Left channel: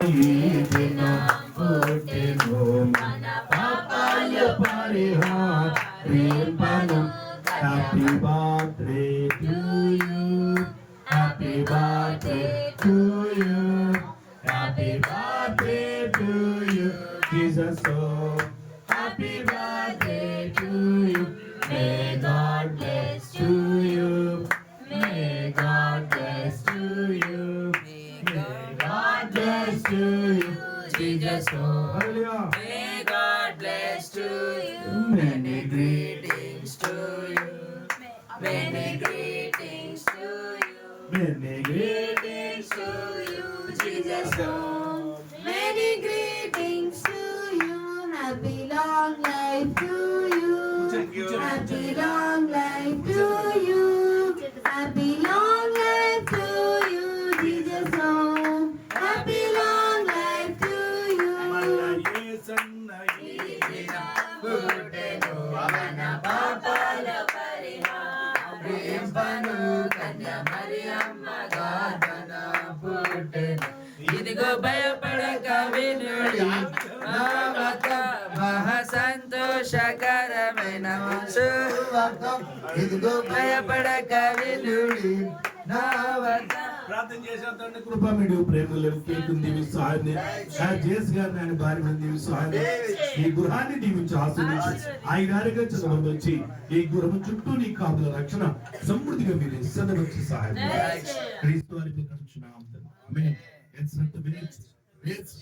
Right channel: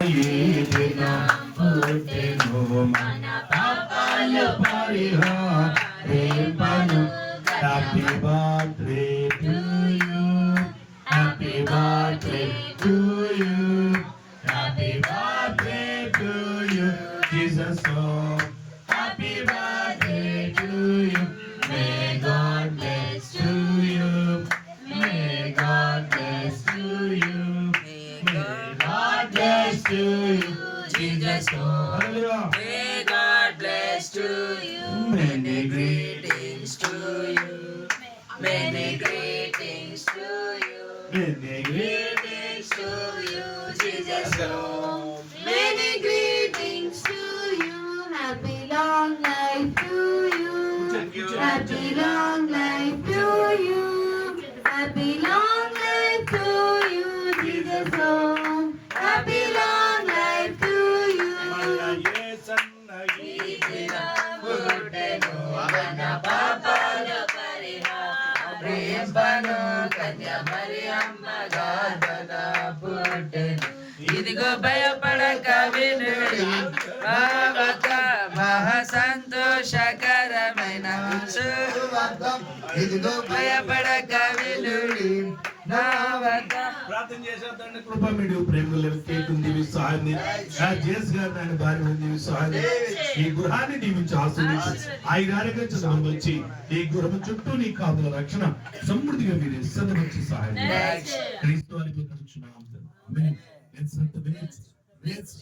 Happy birthday to you. Happy birthday to you. Happy birthday to you. Jesus, oh, happy birthday. To you, Jesus. Hallelujah. May God bless to you. Many Greetings to you. Many greetings to you. Many Greetings to you, Jesus. Many greetings to you. Happy long life to you. Happy long life to you. Happy long life to you, Jesus. Oh, పుట్టెను మన పాపాల పరిహారింపను కన్య మరియమ్మ గాథన పుట్టెను. ఇదిగో భయపడక వినుడి మా మహా సంతోషకరమైన ఇదిగో భయపడక వినుడి నా ప్రార్థన చేసిన తండ్రి కృప మీరు ప్రేమలు కేకుని దీవిస్తారని నా జేస్ గారు నాయన భార్య దీవిస్తారని ఈ గృహాన్ని దీవించి ఆస్వాదించి ఆయన ఆరోగ్యం వచ్చి ఈ గృహం చుట్టూ నీ కాపుల రక్షణ సమృద్ధిగా మీరు ఇస్తున్న వచ్చి సహాయం క్రీస్తు అని ఆమేన్. It's